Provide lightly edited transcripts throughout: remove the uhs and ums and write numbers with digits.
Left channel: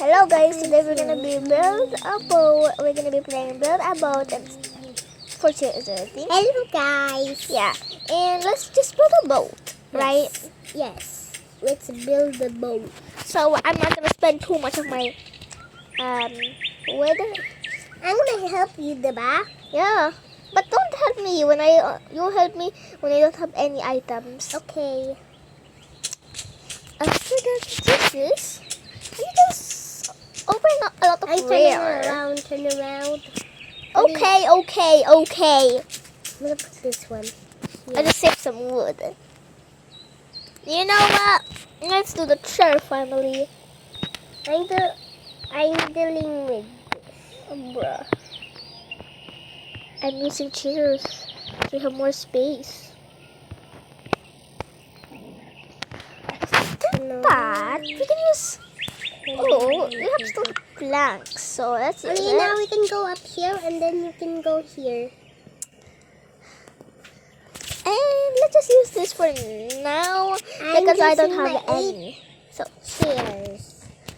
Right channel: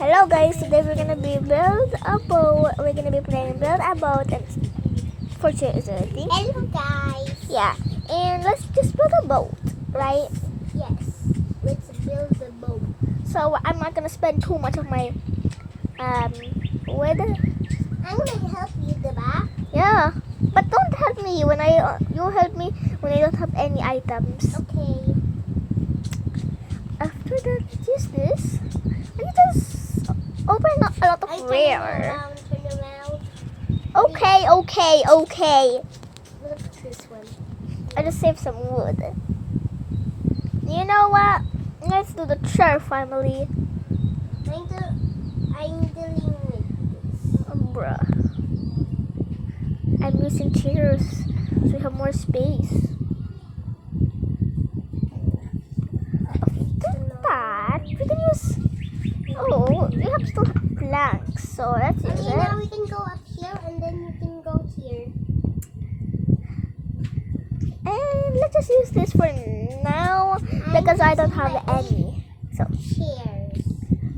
Hello guys, today we're gonna be build a boat. We're gonna be playing build a boat and for thing. Hello guys. Yeah, and let's just build a boat, right? Yes. Let's build the boat. So I'm not gonna spend too much of my wood. I'm gonna help you, diba? Yeah, but don't help me when you help me when I don't have any items. Okay. After that, this. Can you just open up a lot of Turn rare? around. Okay. I'm gonna put this one. I just saved some wood. You know what? Let's do the chair family. I'm dealing with. Bruh. I'm using chairs to have more space. That we can use. Oh, we have still planks, so that's it. Okay, now we can go up here and then you can go here. And let's just use this for now because I don't have any. So Chairs.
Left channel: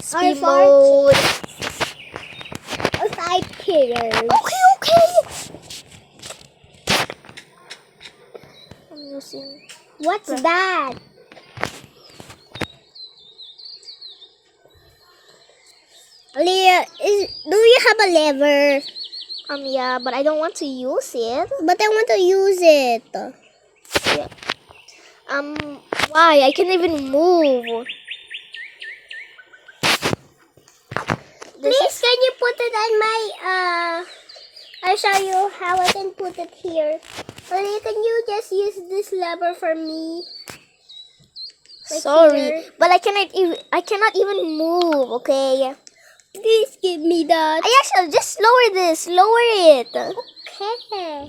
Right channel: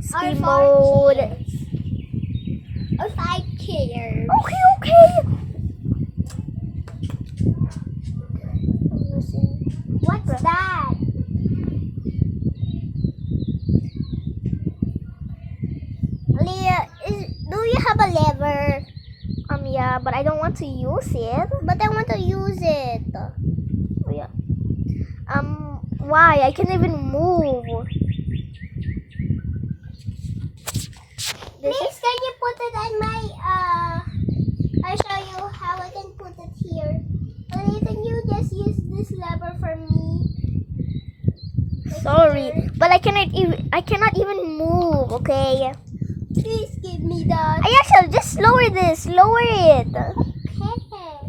speed mode. Or 5 chairs. Okay. I'm using. What's that? Leah, do you have a lever? Yeah, but I don't want to use it. But I want to use it. Yeah. Why? I can't even move. Please, can you put it on my, I'll show you how I can put it here. Leah, can you just use this lever for me? Sorry, but I cannot even move. Okay. Please give me that. I actually just lower this. Lower it. Okay.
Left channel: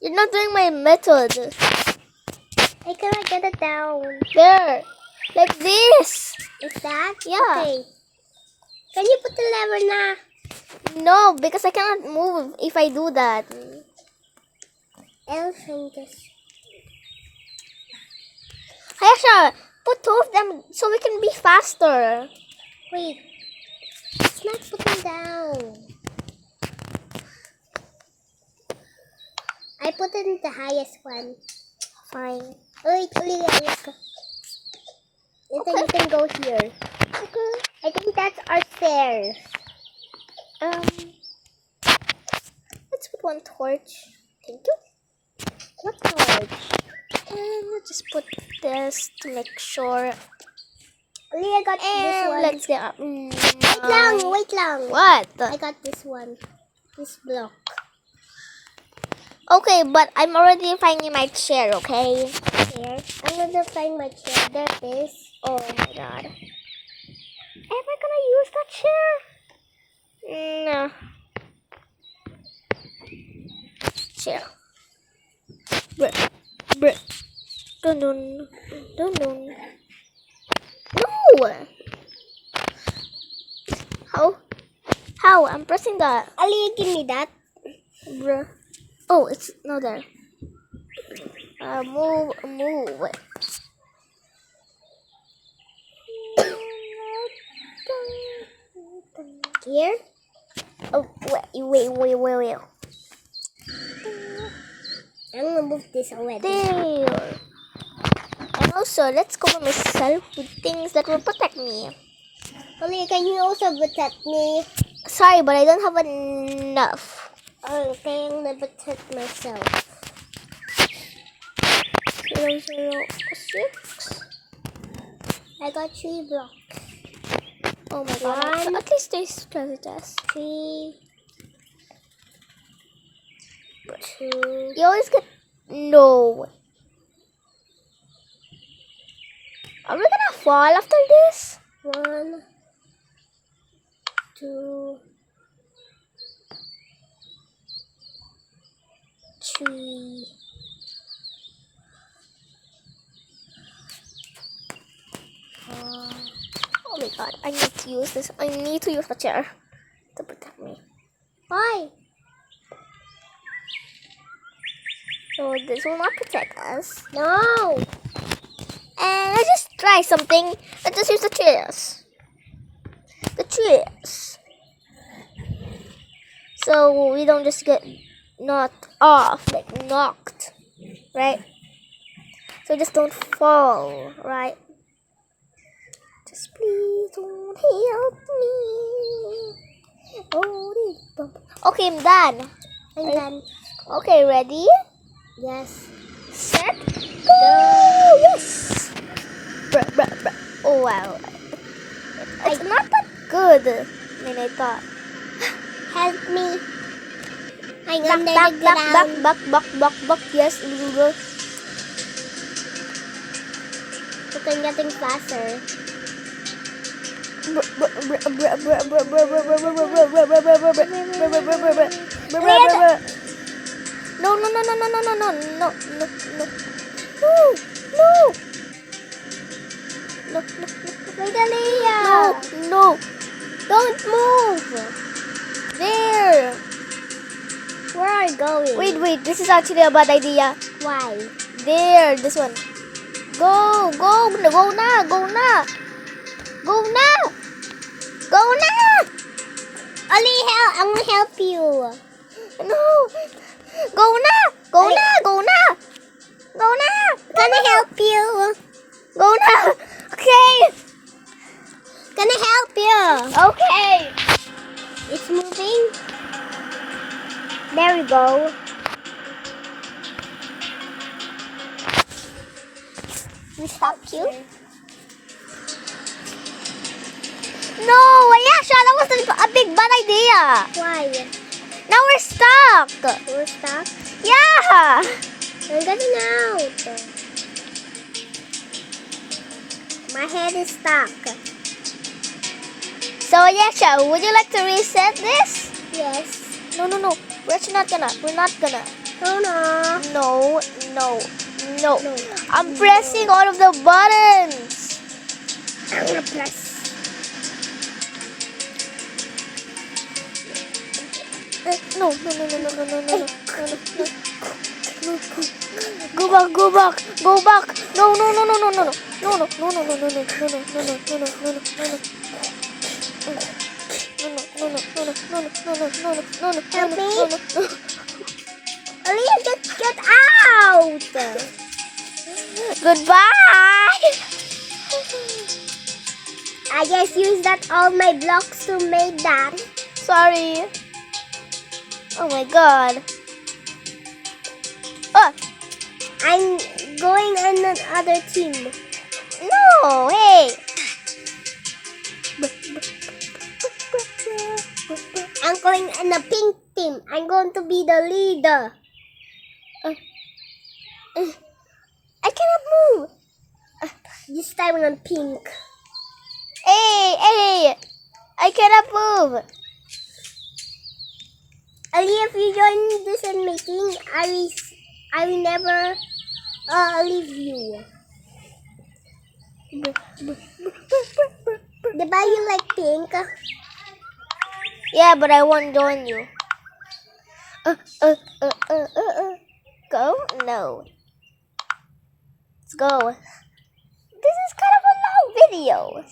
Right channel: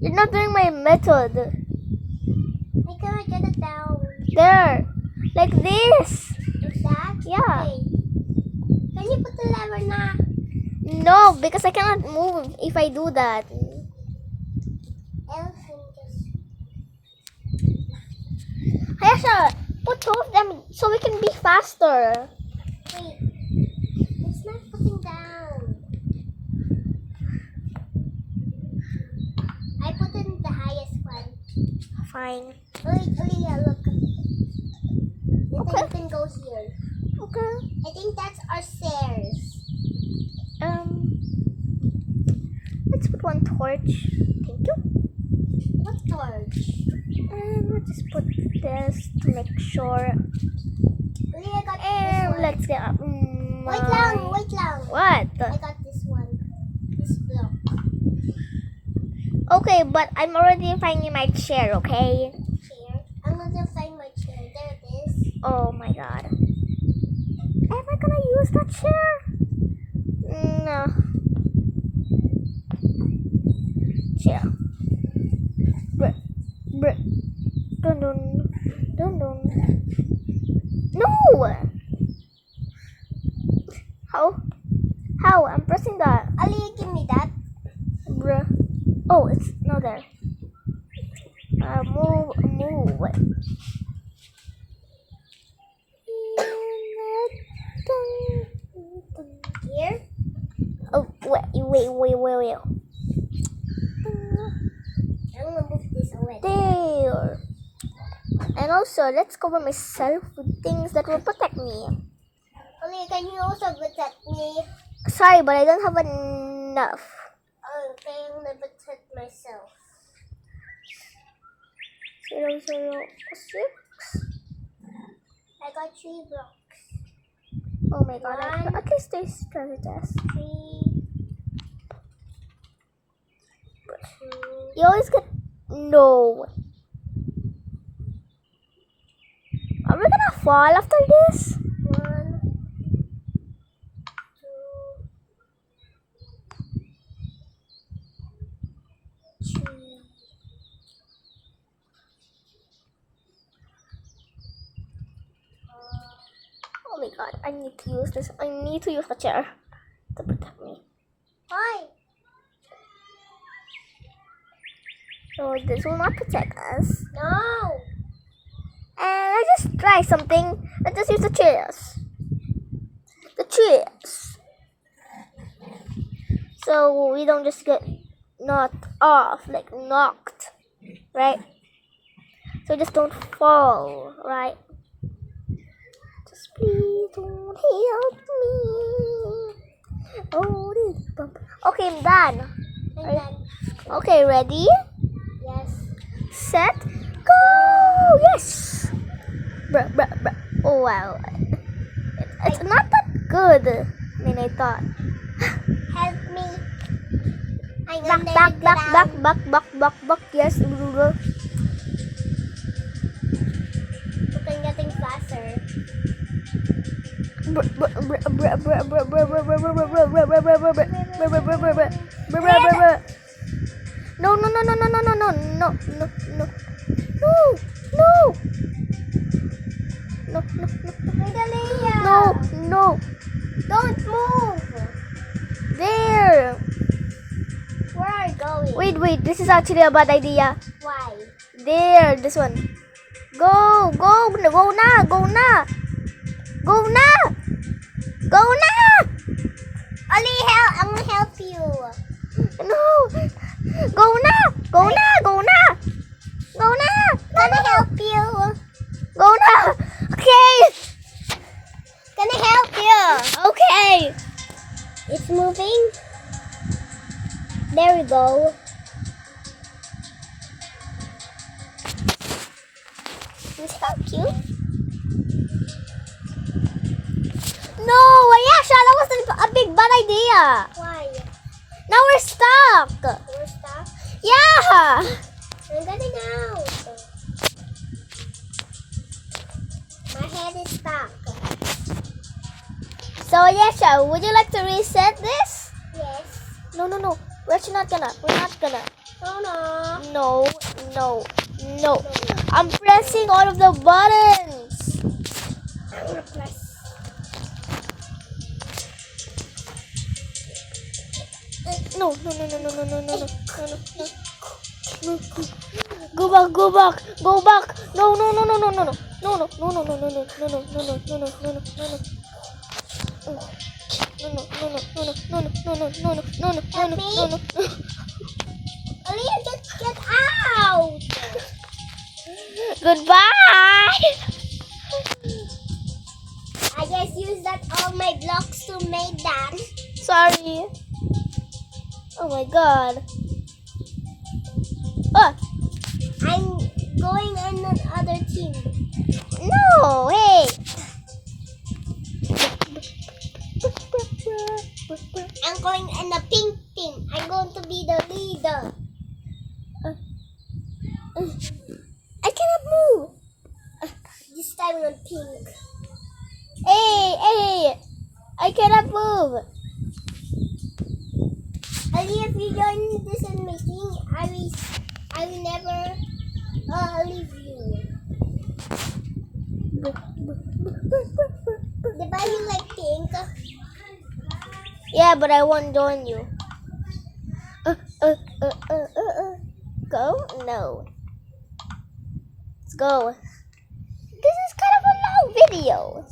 You're not doing my method. I cannot get it down. There, like this. Is that? Yeah. Okay. Can you put the lever now? No, because I cannot move if I do that. Else I'm just... Ayasha, put two of them so we can be faster. Wait. It's not putting down. I put it in the highest one. Fine. Wait, Leah. And then you can go here. Okay. I think that's our stairs. Let's put one torch. Thank you. What torch? And we'll just put this to make sure. Leah got this And one. let's get up. Wait long. What? I got this one. This block. Okay, but I'm already finding my chair, okay? Here. I'm gonna find my chair. There it is. Oh my god. Am I gonna use that chair? No. Chair. Bruh. Dun dun. Dun dun. No! How? I'm pressing that. Ali, give me that. Bruh. Oh, it's not there. Move. Here. Oh, wait. I'm gonna move this away. There. And also, let's cover myself with things that will protect me. Ali, can you also protect me? Sorry, but I don't have enough. Okay, I'm gonna protect myself. 006. I got 3 blocks. Oh my god. So at least there's treasure chest. 3, 2. You always get... No. Are we gonna fall after this? 1, 2, 3. Oh my god, I need to use this. I need to use the chair to protect me. Why? So this will not protect us. No. And let's just try something. Let's just use the chairs. this. So we don't just get knocked off, like knocked, right? So just don't fall, right? Just please don't help me. Oh, okay, I'm done. I'm done. Okay, ready? Yes. Set, go! Yes! Bruh, bruh, bruh. Oh, wow. It's not that good than I thought. Help me. I'm Back, under back, the back, back, ground. back. Yes. But I'm getting faster. No. Magdalena! No. Don't move! There. Where are you going? Wait. This is actually a bad idea. Why? There, this one. Go na. Ali, I'm gonna help you. No. Go na. Gonna help you. Go na. Okay. Gonna help you. Okay. It's moving. There we go. Is that cute? No, Ayesha, that was a big bad idea. Why? Now we're stuck. We're stuck. Yeah. I'm getting out. My head is stuck. So Ayesha, would you like to reset this? Yes. No. We're not gonna. Oh no. No. I'm pressing all of the buttons. I'm gonna press. No. Go back. No. Aaliyah, just get out. Goodbye. I just used that all my blocks to make that. Sorry. Oh my god. Oh, I'm going on another team. no, hey. I'm going in the pink team. I'm going to be the leader. I cannot move. This time on pink. Hey. I cannot move. Aaliyah, if you join this meeting, I will never leave you. Diba you like pink? Yeah, but I won't join you. Go? No. Let's go. This is kind of a long video.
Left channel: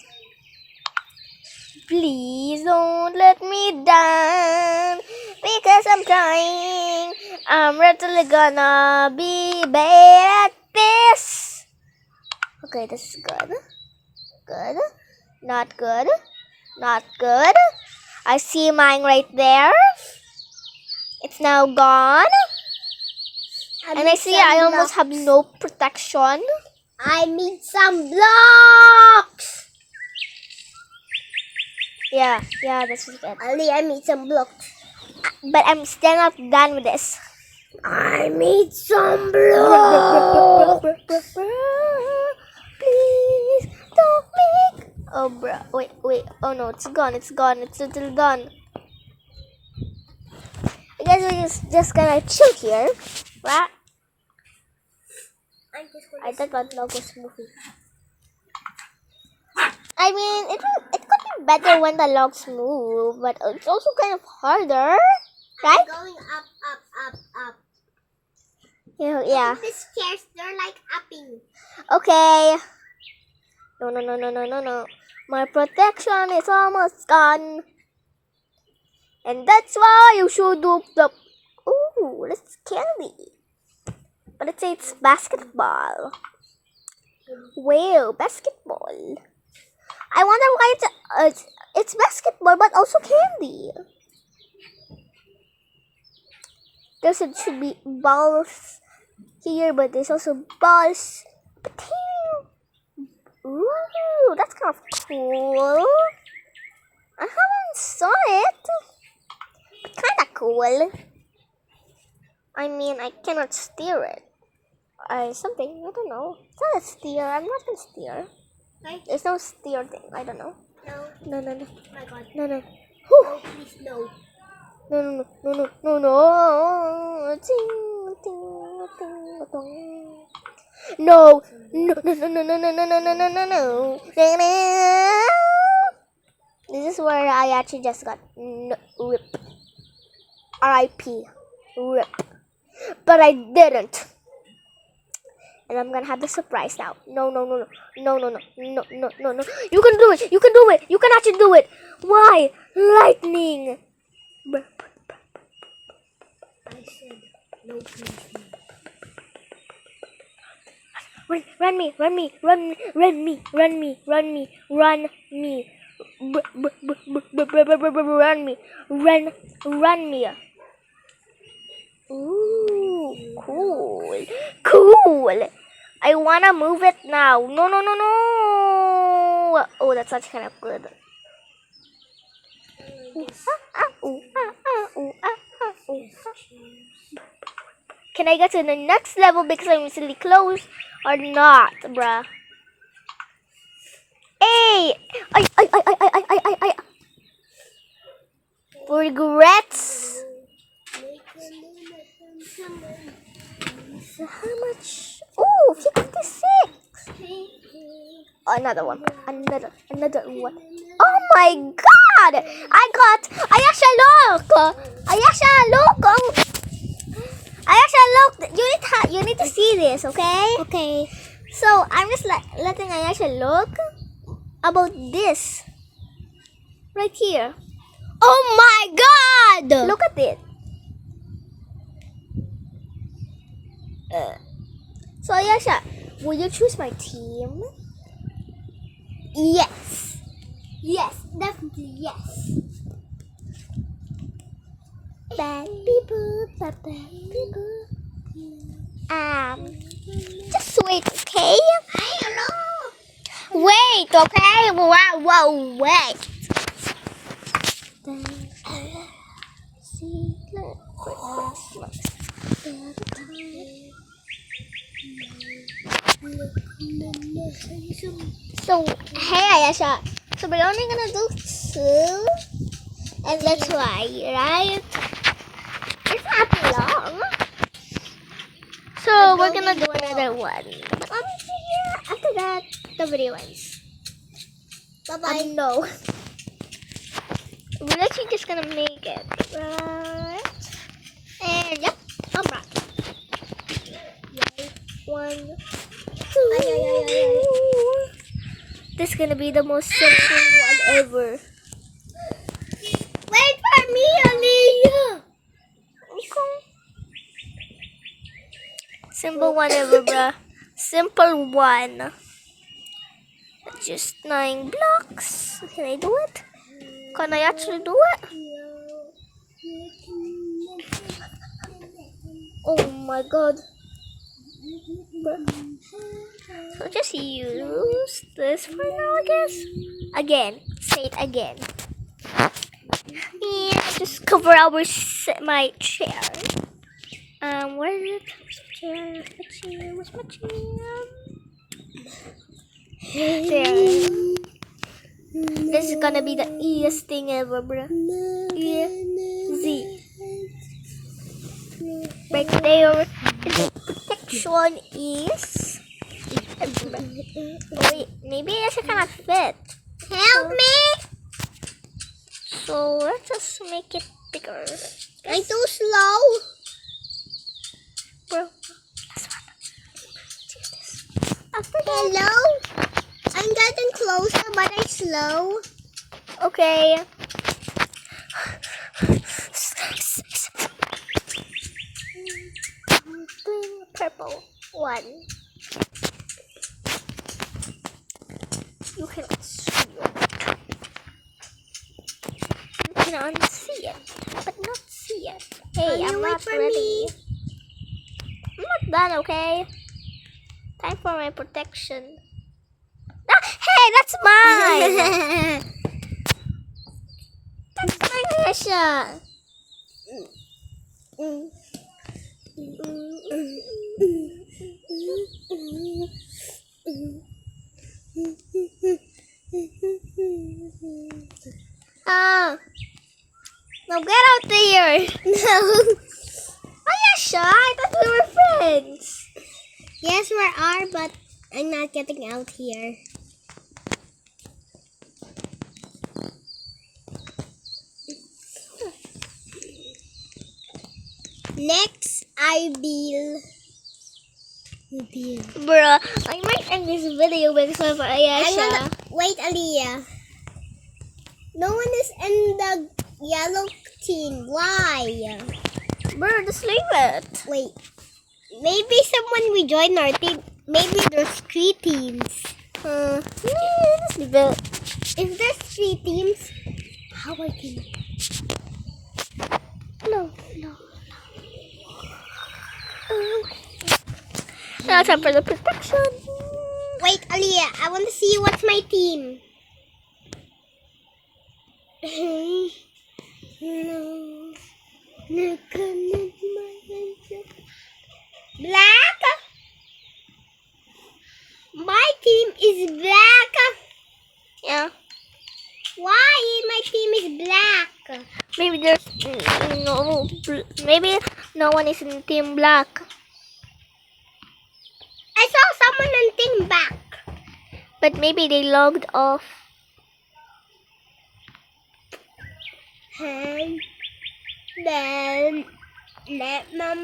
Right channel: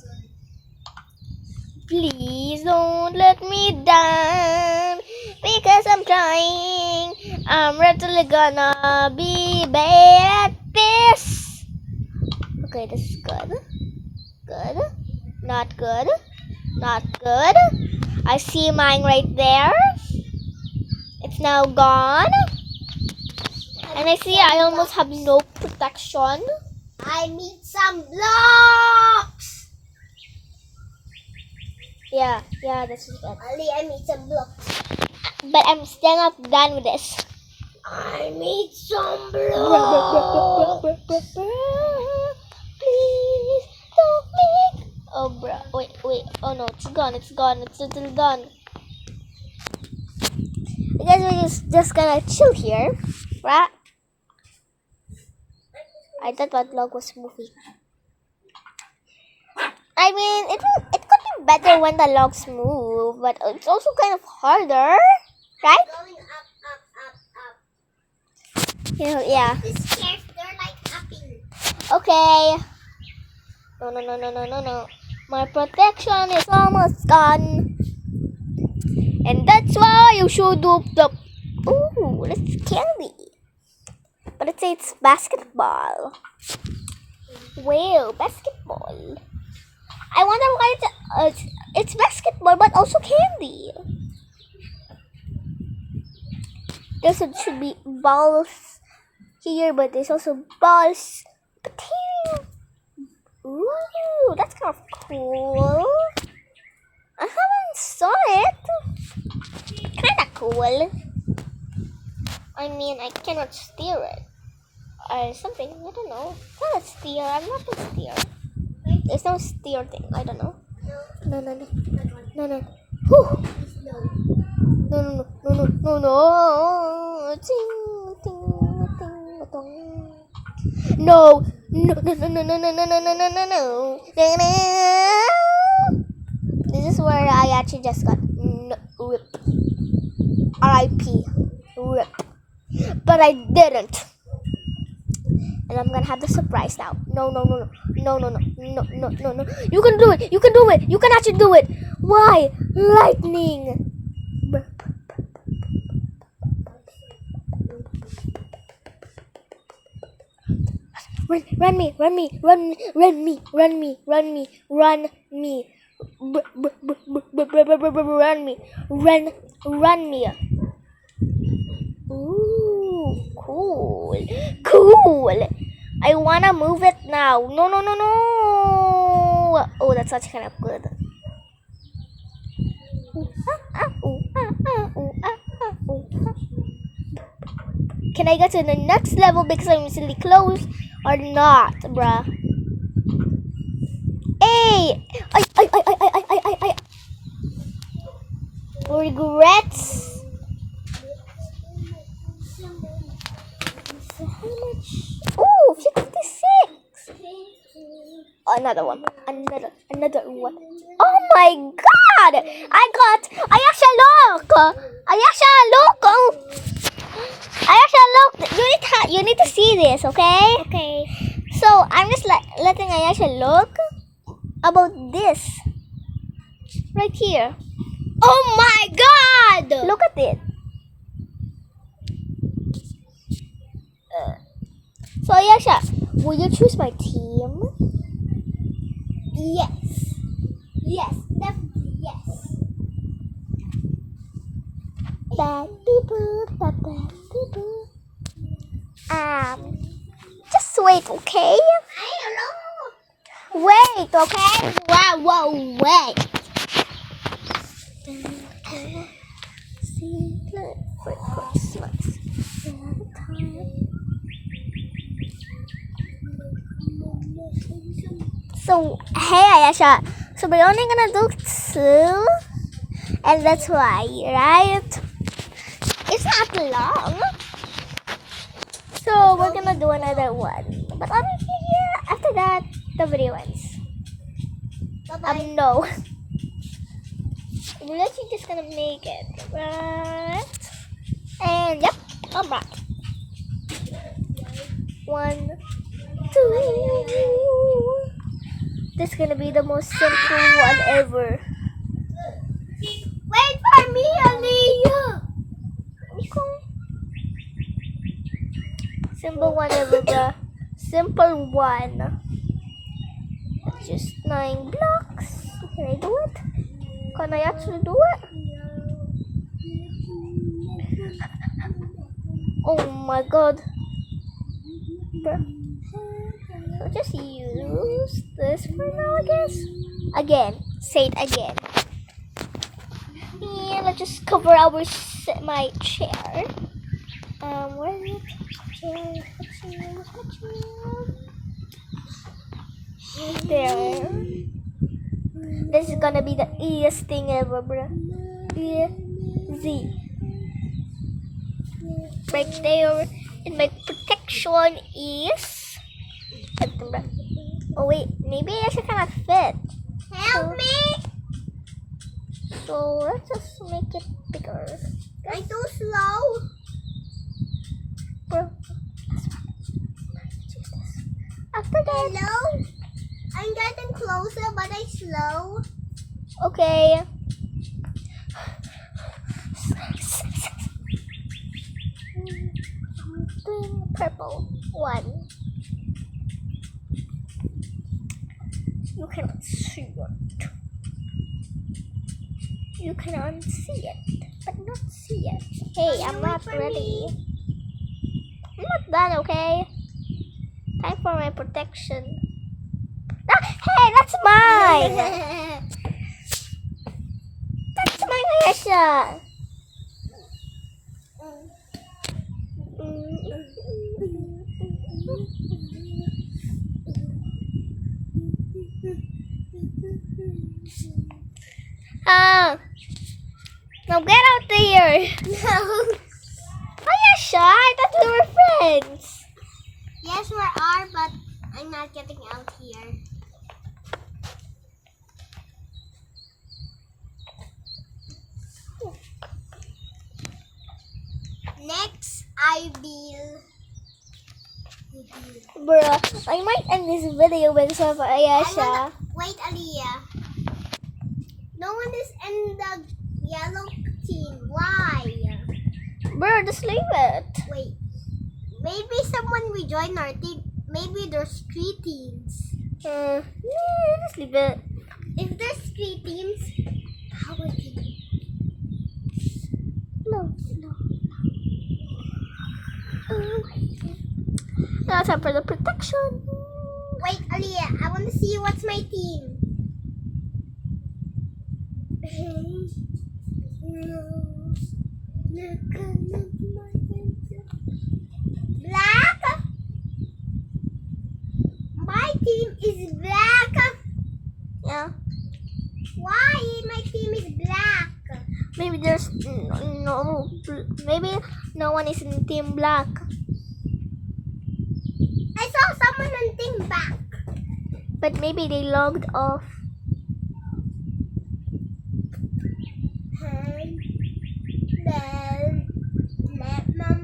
Please don't let me down because I'm trying. I'm really gonna be bad at this. Okay, this is good. Good. Not good. Not good. I see mine right there. It's now gone. And I see I almost have no protection. I need some blocks. Yeah, this is good. Aaliyah, I need some blocks. But I'm still not done with this. I need some blocks. Please don't make. Oh, bro. Wait. Oh no, it's gone. It's still done. I guess we're just gonna chill here, right? I thought that log was moving. I mean, it could be better when the logs move, but it's also kind of harder, right? Going up. Yeah. These stairs, they're like upping. Okay. No. My protection is almost gone. And that's why you should do the... Ooh, that's candy. But it says it's basketball. Wow, basketball. I wonder why it's basketball but also candy. There should be balls here, but there's also balls. But here, ooh, that's kind of cool. I haven't saw it. Kind of cool. I mean, I cannot steer it. Or something, I don't know. It's not a steer, I'm not gonna steer. There's no steer thing, I don't know. No. No. Whew. No. No. This is where I actually just got rip. R.I.P. Rip. But I didn't. And I'm gonna have the surprise now. No. You can do it. You can actually do it. Why? Lightning. Run me. Run me. Ooh, cool. I wanna move it now. No. Oh, that's actually kind of good. Can I get to the next level because I'm really close or not, bruh? Hey! I regrets. So how much? Oh, 56. Another one. Another one. Oh my god! I actually look. You need to see this, okay? Okay. So I'm just letting Ayasha look about this right here. Oh my god! Look at it. So Ayasha, will you choose my team? Yes. Yes, definitely yes. Bad people. Just wait, okay? I don't know. Wait, okay? Whoa, wait. Secret for Christmas. So, hey Ayasha. So we're only gonna do 2. And that's why, right? It's not long. So we're gonna do another one. But obviously, yeah, after that, the video ends. Bye-bye. No. We're actually just gonna make it. Right? And yep, I'm back. 1, 2. This is gonna be the most simple one ever. Wait for me, Aliyah. Okay. Simple one ever, bruh. Simple one. Just 9 blocks. Can I do it? Can I actually do it? Oh my god. Bruh. So just use this for now, I guess. Again. Say it again. Yeah, let's just cover my chair. Where is it? Chair. Where's my chair? There. This is gonna be the easiest thing ever, bro. Easy. Right there. And my protection is. Oh wait, maybe it should kind of fit. Help me. So let's just make it bigger. I'm too slow. Bro. After that. Hello? I'm getting closer, but I'm slow. Okay. Purple one. You cannot see it. You can unsee it, but not see it. Hey, Can I'm you wait not for ready. me? I'm not done, okay? Time for my protection. Ah, hey, that's mine! That's my Ayesha! Ah! Now get out there! No. Ayesha, I thought we were friends! Yes, we are, but I'm not getting out here. Next, I will. Bruh, I might end this video because of Ayesha. Wait, Aliyah. No one is in the yellow team. Why? Bruh, just leave it. Wait. Maybe someone will join our team. Maybe there's 3 teams. Just leave it. If there's 3 teams, how are you? No. Now time for the protection. Wait, Aliyah. I want to see what's my team. Black. My team is black. Yeah. Why my team is black? Maybe there's no. Maybe no one is in Team Black. I saw someone on team black. But maybe they logged off.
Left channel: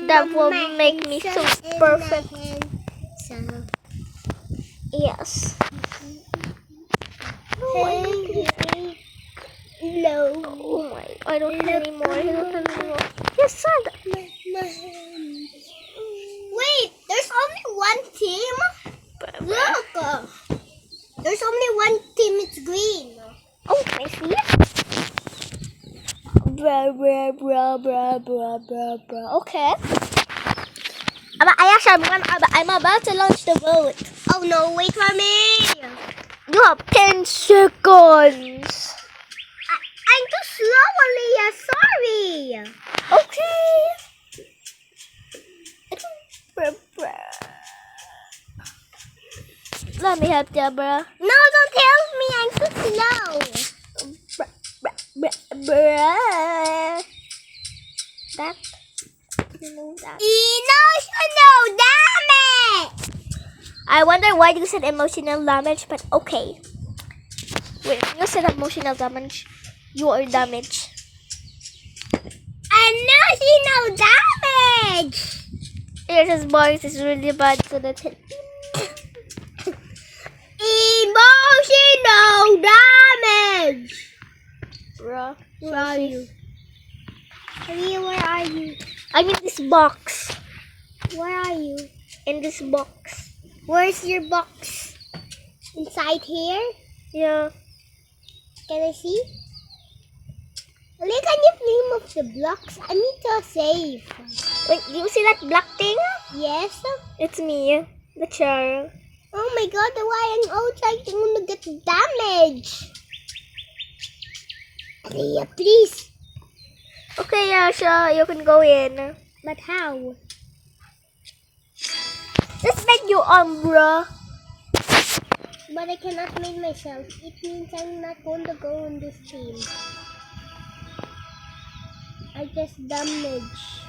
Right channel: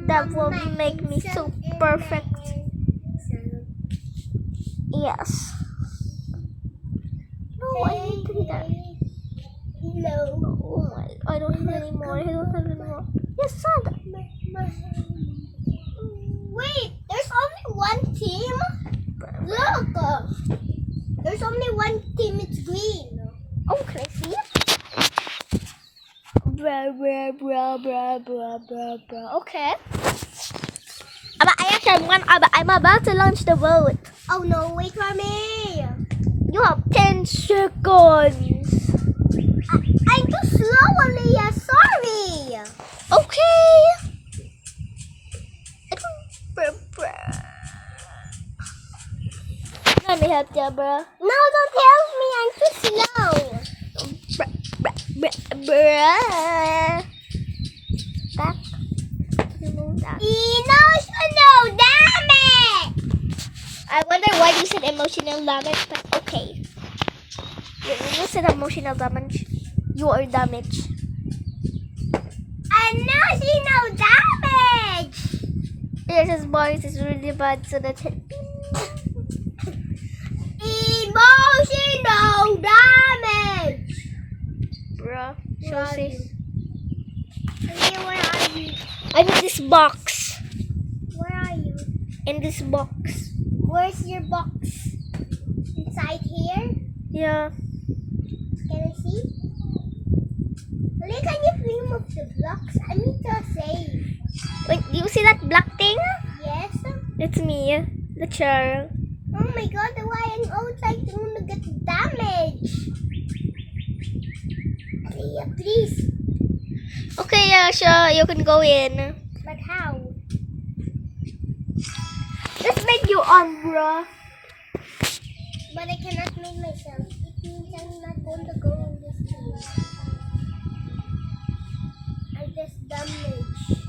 That will make me so perfect. Yes. No, I don't do that. No. Oh my! I don't have any more. Yes, son. Wait, there's only one team? Look! There's only one team, it's green. Oh, I see it. Blah. Okay. I'm about to launch the boat. Oh no, wait for me! You have 10 seconds. I'm too slow, Aliyah, sorry! Okay. Let me help you, bruh. No, don't help me, I'm too slow! Bruh. That. Remove that. Emotional damage! I wonder why you said emotional damage, but okay. You said emotional damage. You are damaged. Emotional damage! His voice is really bad, so that's it. Emotional damage! Bruh. Where are you? Aliyah, where are you? I'm in this box. Where are you? In this box. Where's your box? Inside here? Yeah. Can I see? Aliyah, can you remove the blocks? I need to save. Wait, do you see that black thing? Yes? It's me. The chair. Oh my god, why I'm outside? I'm gonna get damaged. Aliyah, please. Okay, yeah, sure. You can go in. But how? Let's make you bruh. But I cannot make myself. It means I'm not going to go on this team. I just damage.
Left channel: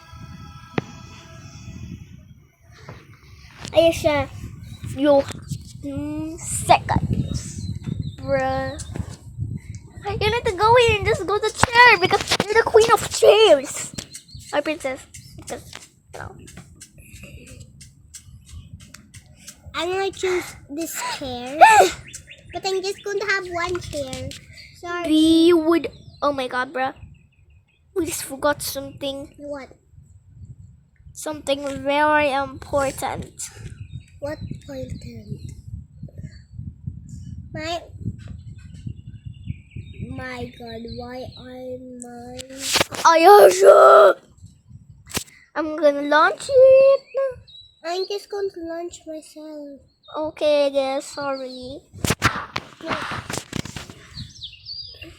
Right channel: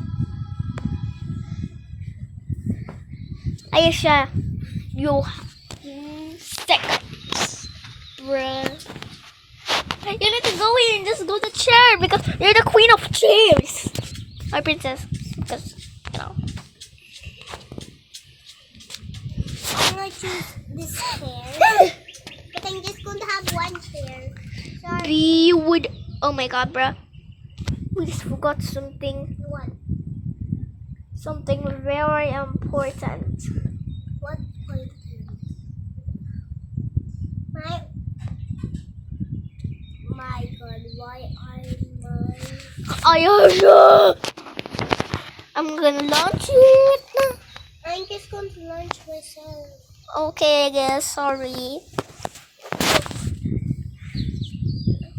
Ayesha, you have seconds, bruh. You need to go in. Just go to chair because you're the queen of chairs. My princess, because you know. I'm gonna choose this chair. But I'm just going to have one chair. Sorry. We would. Oh my god, bruh. We just forgot something. What? Something very important. What point? My god, why am Ayasha! I'm gonna launch it. I'm just going to launch myself. Okay, I guess. Sorry.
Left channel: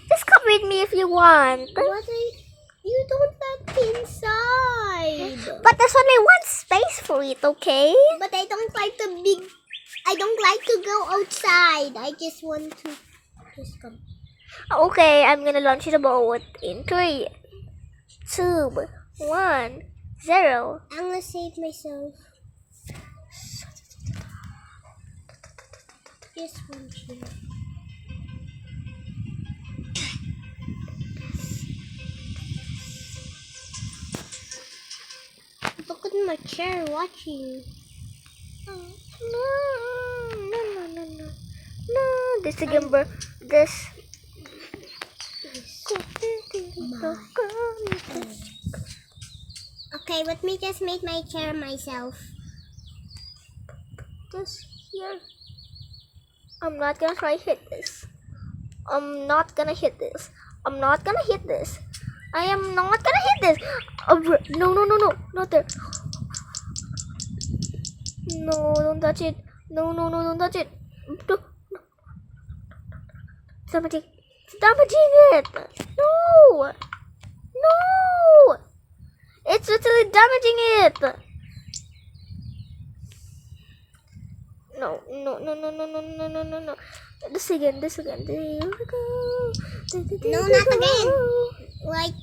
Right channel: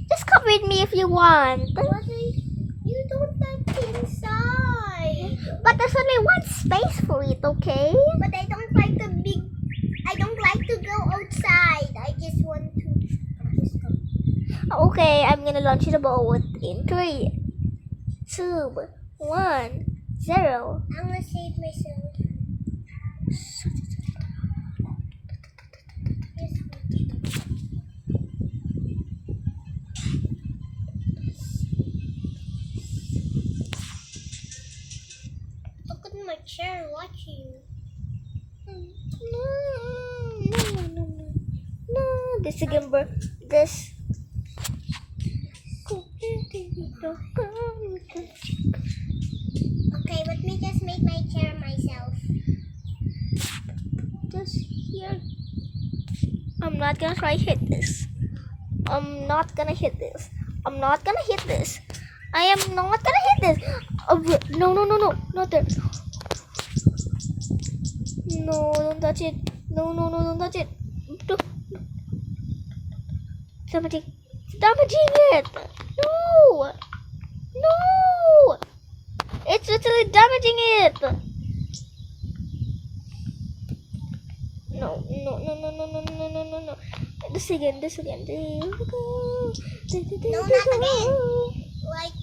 Just come with me if you want. You don't let inside. But there's only one space for it, okay? But I don't like I don't like to go outside. I just want to just go. Okay, I'm gonna launch the boat in 3, 2, 1, 0. I'm gonna save myself. Just one chair. Look at my chair watching. No. This again, bro. This. Okay, let me just make my chair myself. Just here. I'm not gonna try hit this. I'm not gonna hit this. I'm not gonna hit this. I am not gonna hit this. No, not there. No, don't touch it. No, don't touch it. No. It's damaging it. No. It's literally damaging it. No. This again. There we go. No, not again. Like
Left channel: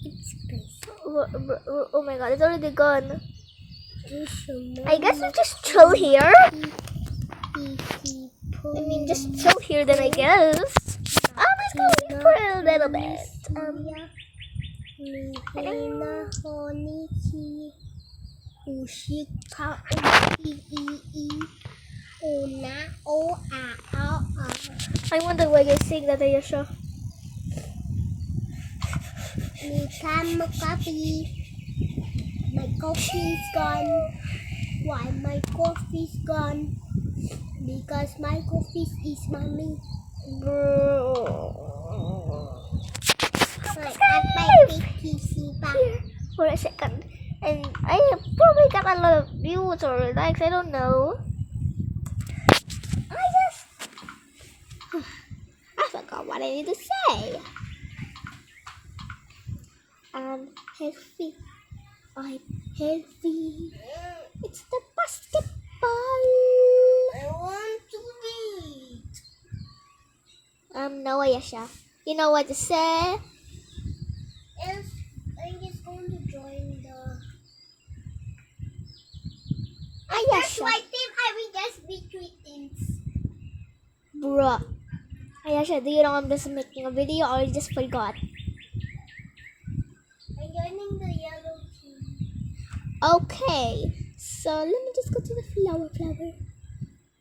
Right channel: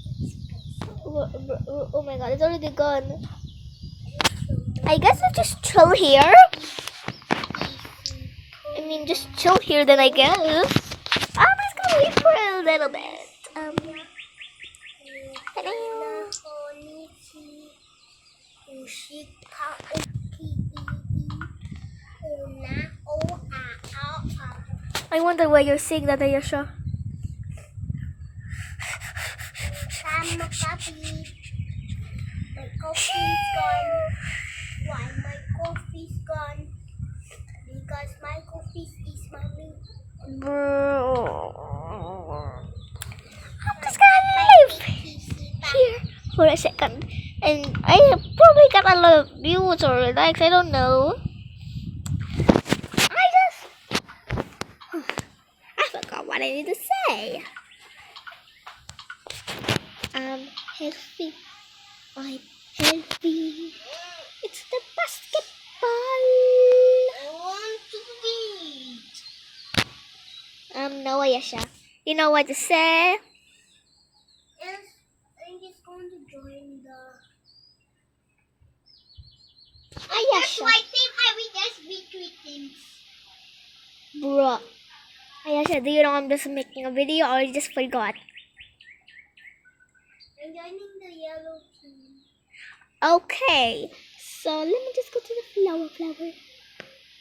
Oh my god, it's already gone. I guess we just chill here. Just chill here then, I guess. I'm just gonna leave for a little bit. I wonder why you're saying that, Ayasha. Coffee. My coffee's gone. Why my coffee's gone? Because my coffee is mommy. Bro. Here for a second. And I probably got a lot of views or likes, I don't know. I forgot what I need to say. I'm healthy. It's the basketball. I want to eat. No, Ayasha. You know what to say? Yes, I'm just going to join the. That's Ayasha. my team. I will just be 3 teams. Bruh. Ayasha, do you know I'm just making a video or you just forgot? I'm joining the yellow team. Okay. So let me just go to the flower.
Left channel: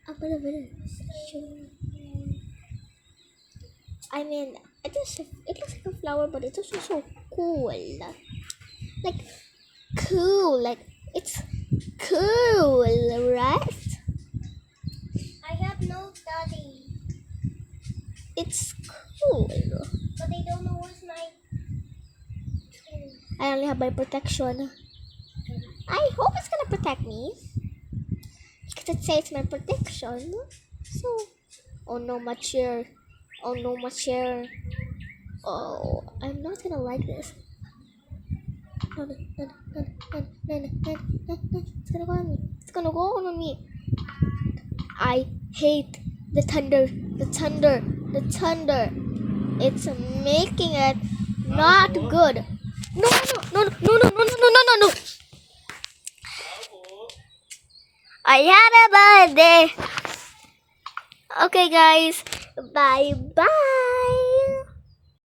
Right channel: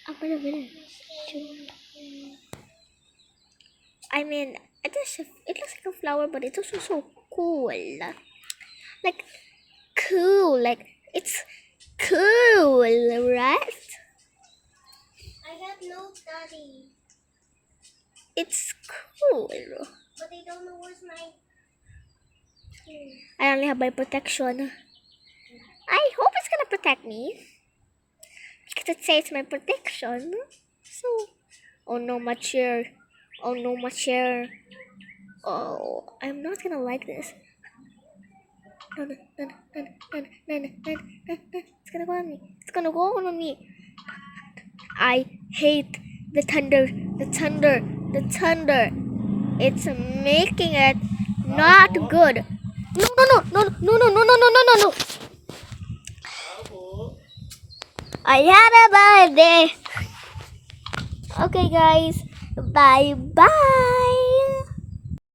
I'm gonna win it. It looks like a flower, but it's also so cool. Like, cool. Like, it's cool, right? I have no study, It's cool. but I don't know what's my tool. I only have my protection. I hope it's gonna protect me. Because it says my protection. So, oh no, my chair. Oh, I'm not gonna like this. No. It's gonna go on me. I hate the thunder. It's making it not good. No. I had a birthday. Okay, guys. Bye.